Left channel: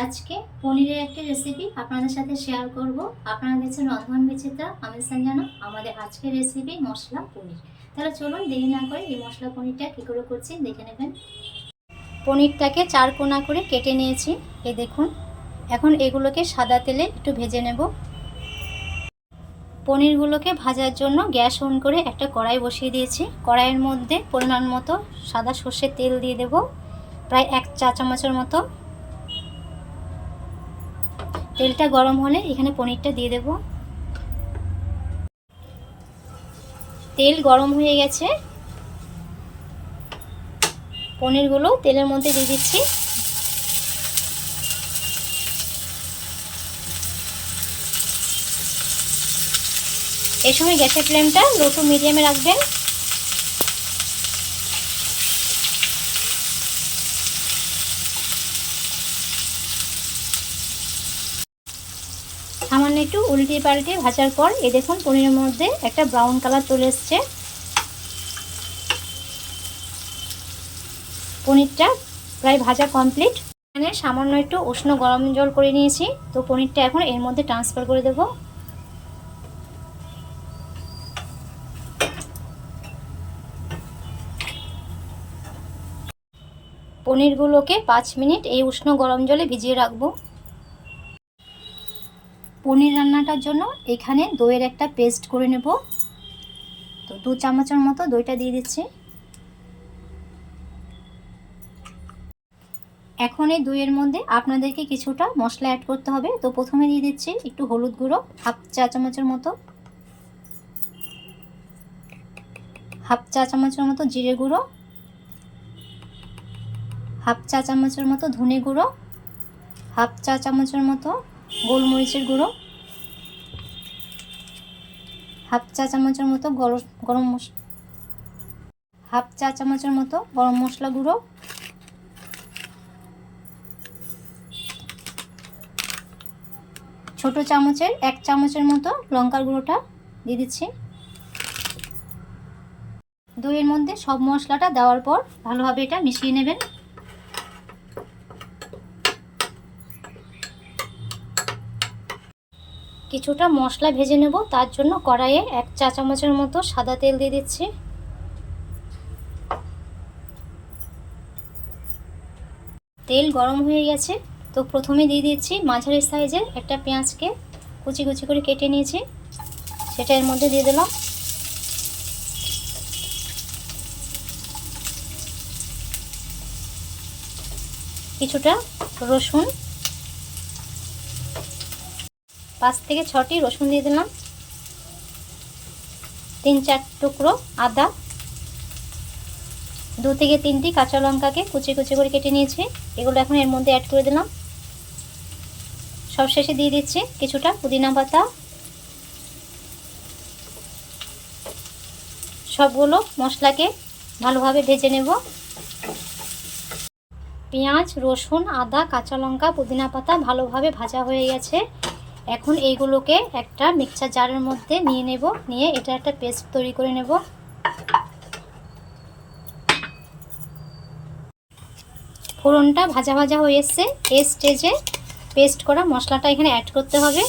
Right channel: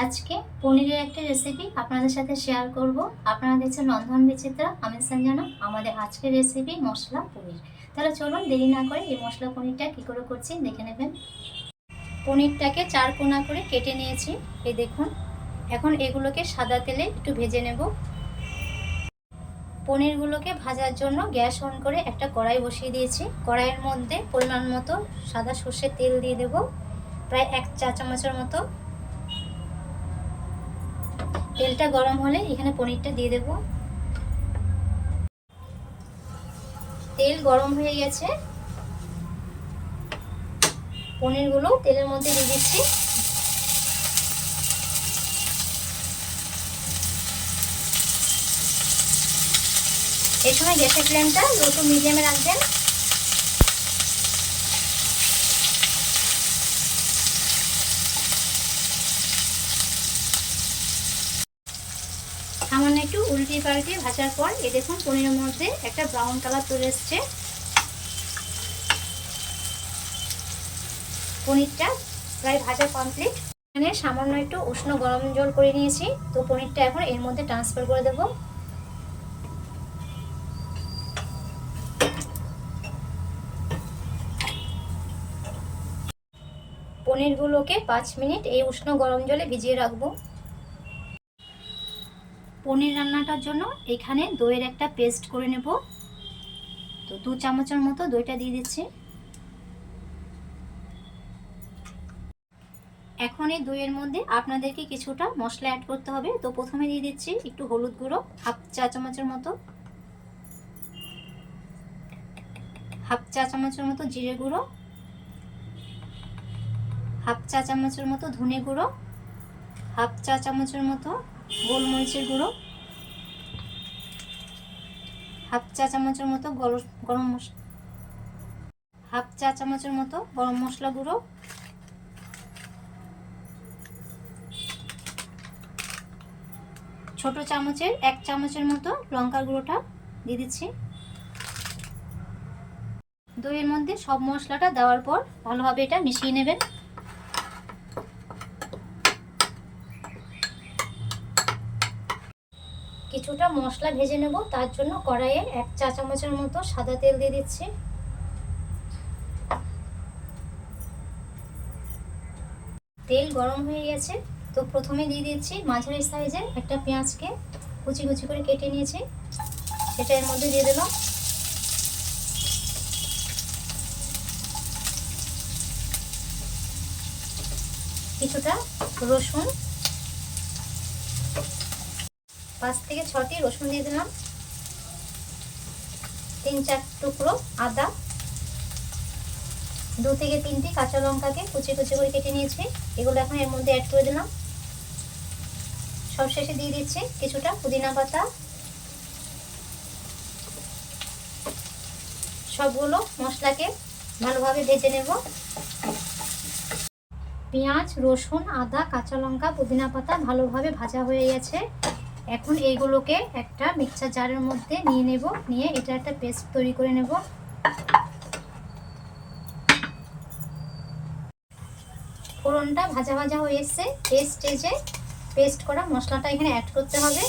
আজকে পনিরের একটা রেসিপি আপনাদের সাথে শেয়ার করব। আপনারা দেখছেন রন্ধন বিচিত্রা, আমি সঞ্জনা। আমাদের আজকের রেসিপি মশলা পনির। তাহলে চলুন দেরি না করে এই মশলা পনিরটা কী করে করছি দেখে নেবেন। পনিরটাকে 4 কোনা করে কেটে নিয়েছি, এই দেখুন। এখন এগুলোকে সাদা তেলে একটু ভেজে নেব। পনিরগুলোকে ভাজার জন্য গ্যাস অন করে একটা কড়াই বসিয়ে দিয়েছি। কড়াইয়ের মধ্যে পরিমাণ মতো সাদা সর্ষের তেল দিয়ে দেব, প্রায় 1 চা চামচের মতো। তেলটা গরম হলে এখানে পনিরটা দিয়ে দেব। তেল গরম হয়ে গেছে, পনিরগুলো তেলের মধ্যে দিয়ে দিচ্ছি। এই সময় গ্যাসের ফ্লেমটা লো টু মিডিয়ামে রাখবেন। সামান্য একটু উল্টে পাল্টে ভাজার পর এ দেখুন পনিরের মধ্যে একটা ব্রাউন কালার চলে এসছে। পনিরটা প্রায় ভাজা কমপ্লিট। এখানে সামান্য একটু উষ্ণ গরম জল করে নিয়েছি, তো পনিরটা এখন এর মধ্যে ট্রান্সফার করে দেব। পনিরগুলোকে 5 মিনিট এই উষ্ণ গরম জলে ভিজিয়ে রাখবো। পনির রান্নাটার জন্য এখানে দইয়ের একটা পেস্ট করে নেব। তো 2 চামচের মতো দইটা দিয়ে দিচ্ছি। এখন এই দইয়ের মধ্যে আপনাদেরকে কিছুটা মশলা অ্যাড করতে হবে। তো প্রথমে দিয়ে দিচ্ছি একটু হলুদ গুঁড়ো, 1/2 চা চামচের মতো। 1/2 চা চামচের মতো জিরে গুঁড়ো, 1/2 চা চামচের মতো ধনে গুঁড়ো, 1/2 চা চামচের মতো গোলমরিচের গুঁড়ো, 1/2 চা চামচের মতো গরম মশলা, 1/2 চা চামচের মতো গরম মশলা গুঁড়ো, ছোট চামচের 1 চামচের মতো লঙ্কার গুঁড়োটা দিয়ে দিচ্ছি। দইয়ের মধ্যে সব মশলাটা দেওয়ার পর ভালোভাবে এটা মিশিয়ে নেবেন। কিছুটা মশলা ভেজে নেব, তার জন্য কড়াইয়ে 1 চা চামচের মতো সাদা তেল দিয়ে দিচ্ছি। তেল গরম হয়ে গেছে, তো প্রথমে দিয়ে দিচ্ছি মাঝারি সাইজের একটা পেঁয়াজকে কুচি কুচি করে কেটে নিয়েছি, সেটা এর মধ্যে দিয়ে দিলাম। কিছুটা রসুন, 5 থেকে 6টি রসুন দিয়ে দিলাম। 3-4 টুকরো আদা, 2 থেকে 3টি কাঁচা লঙ্কাকে কুচি কুচি করে কেটে নিয়েছি, এগুলো এখন এর মধ্যে অ্যাড করে দিলাম। সবশেষে দিয়ে দিচ্ছি কিছুটা পুদিনা পাতা। সবগুলো মশলাকে ভালোভাবে ভেজে নেব। পেঁয়াজ, রসুন, আদা, কাঁচা লঙ্কা, পুদিনা পাতা ভালোভাবে ভাজা হয়ে গেছে। এখন এইগুলোকে একটা মিক্সার জারের মধ্যে নিয়ে নেব, নিয়ে এটা একটা পেস্ট তৈরি করে নেব। ফোড়নটা ভাজা ভাজা হয়ে এসছে, এই স্টেজে পেস্ট করা মশলাটা এখানে অ্যাড করতে হবে।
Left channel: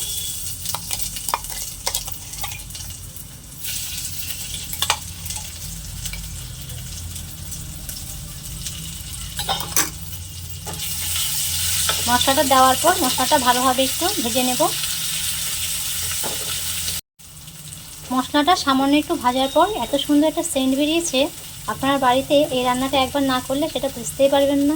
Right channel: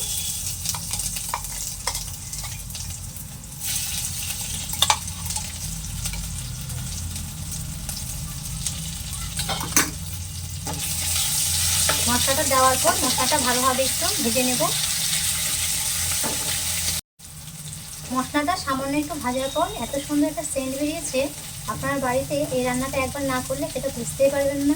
মশলাটা দেওয়ার পর মশলাটা ভালোভাবে একটু ভেজে নেব। মশলাটা সামান্য একটু ভাজার পর এত সুন্দর একটা সেন্ট বেরিয়েছে, আপনার বাড়িতে এই রান্নাটা একবার না করলে সেটা বুঝতেই পারবেন না।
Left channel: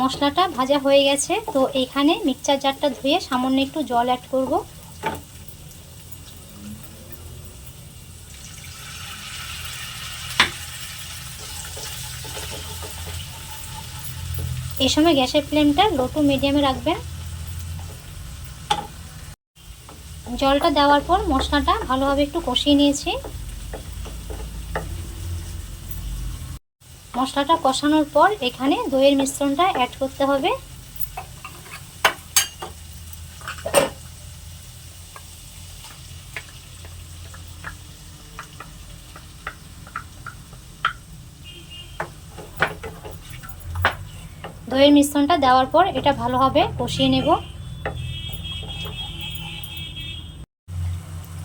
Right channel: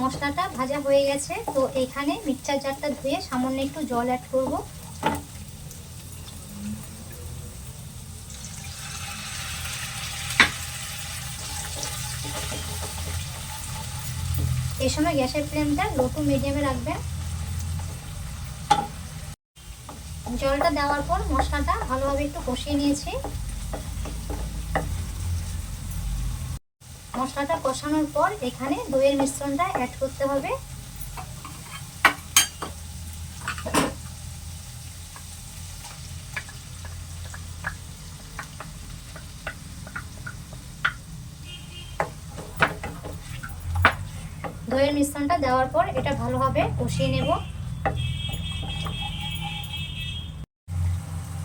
মশলাটা ভাজা হয়ে গেছে, তো এখানে মিক্সচার জারটা ধুয়ে সামান্য একটু জল অ্যাড করব। এই সময় গ্যাসের ফ্লেমটা লো টু মিডিয়ামে রাখবেন। জলটা দেওয়ার পর মশলাটা ভালোভাবে একটু কষিয়ে নিয়েছি। মশলাটা কষানোর পর এখানে দইয়ের মিশ্রণটা অ্যাড করতে হবে। দইয়ের মিশ্রণটা দেওয়ার পর এটা ভালোভাবে কষিয়ে নেব।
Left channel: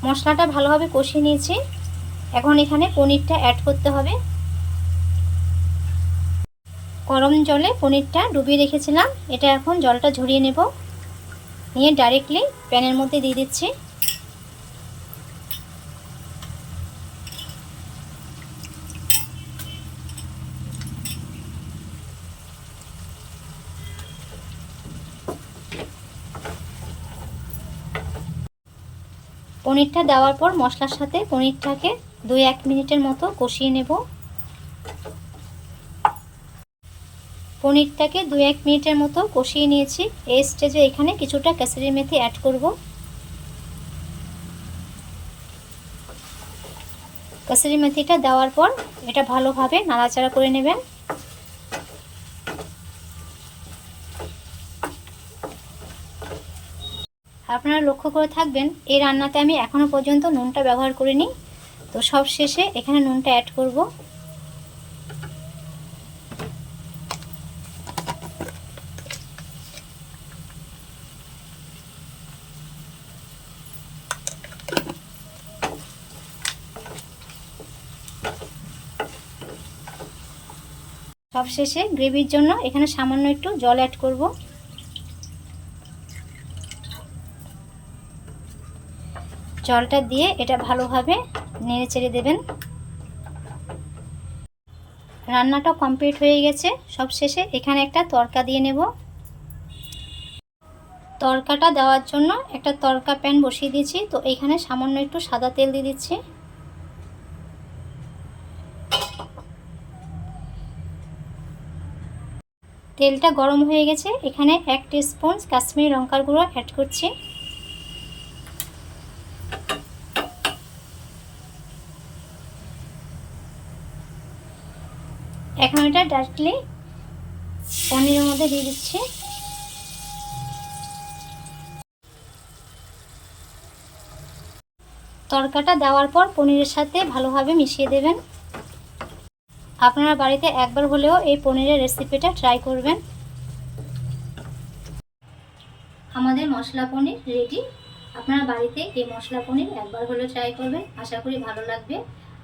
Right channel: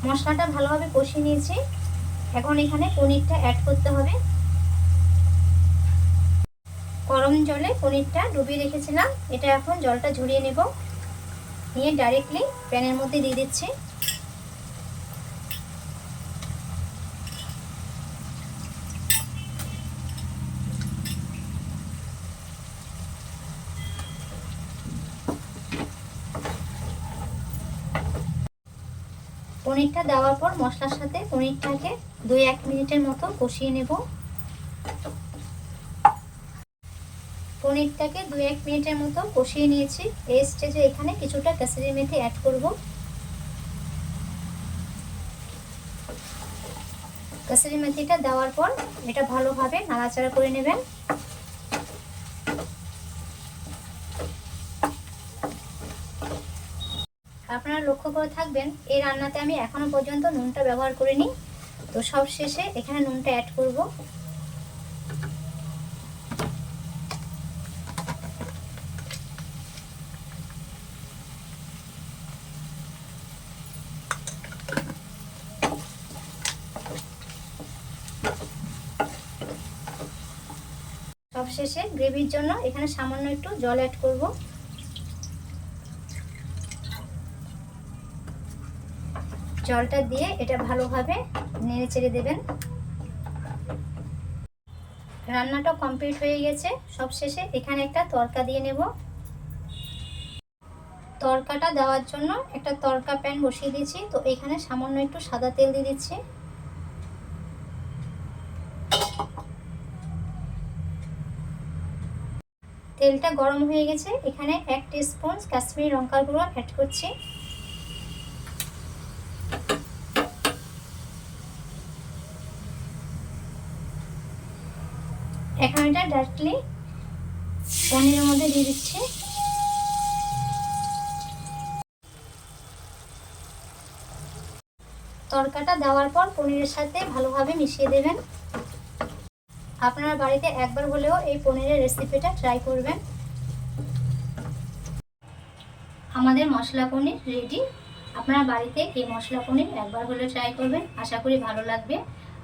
মশলাটা ভালোভাবে কষিয়ে নিয়েছি। এখন এখানে পনিরটা অ্যাড করতে হবে। গরম জলে পনিরটা ডুবিয়ে রেখেছিলাম, এটা এখন জলটা ঝরিয়ে নেব। নিয়ে ডাইরেক্টলি প্যানের মধ্যে দিয়ে দিচ্ছি। পনিরটা দেওয়ার পর মশলার সাথে পনিরটাকে 2-1 মিনিটের মতো কষিয়ে নেব। পনিরটাকে 2-1 মিনিটের মতো কষিয়ে নিয়েছি। এই স্টেজে এখানে কিছুটা কাসুরি মেথি অ্যাড করব। কাসুরি মেথিটা দেওয়ার পর এটা ভালোভাবে নাড়াচাড়া করে নেবেন। আপনারা লক্ষ্য করে থাকবেন এই রান্নাতে আমি এখনো পর্যন্ত নুনটা ব্যবহার করিনি, তো সব শেষে এখানে নুনটা অ্যাড করব। সবশেষে গ্রেভির জন্য এখানে সামান্য একটু জল অ্যাড করব। জলটা দিয়ে এটা ভালোভাবে নেড়ে চেড়ে দেবেন। রান্নাটা কমপ্লিট হয়ে গেছে। সবশেষে এখানে একটা তড়কা দিয়ে নেব। তড়কাটা দেওয়ার জন্য একটা তড়কা প্যান বসিয়ে দিয়েছি, তো এখানে সামান্য একটু সাদা তেল দিয়ে দিচ্ছি। তেলটা গরম হয়ে গেছে, এখানে 1 টিস্পুন কাশ্মীরি লঙ্কার গুঁড়ো অ্যাড করছি। এখন এটা ডাইরেক্টলি পনিরের মধ্যে দিয়ে দিচ্ছি। তড়কাটা দেওয়ার পর পনিরের সাথে ভালোভাবে মিশিয়ে দেবেন। আপনারা বাড়িতে একবার হলেও এই পনিরের রেসিপিটা ট্রাই করবেন। আমাদের মশলা পনির রেডি। আপনারা বাড়িতে এই মশলা পনির একবার হলেও ট্রাই করবেন, আশা করি ভালো লাগবে।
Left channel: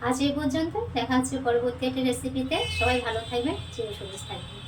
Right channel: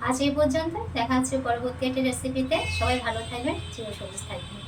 আজ এই পর্যন্ত, দেখা হচ্ছে পরবর্তী একটা রেসিপিতে। সবাই ভালো থাকবেন, চিরসবুজ থাকবেন।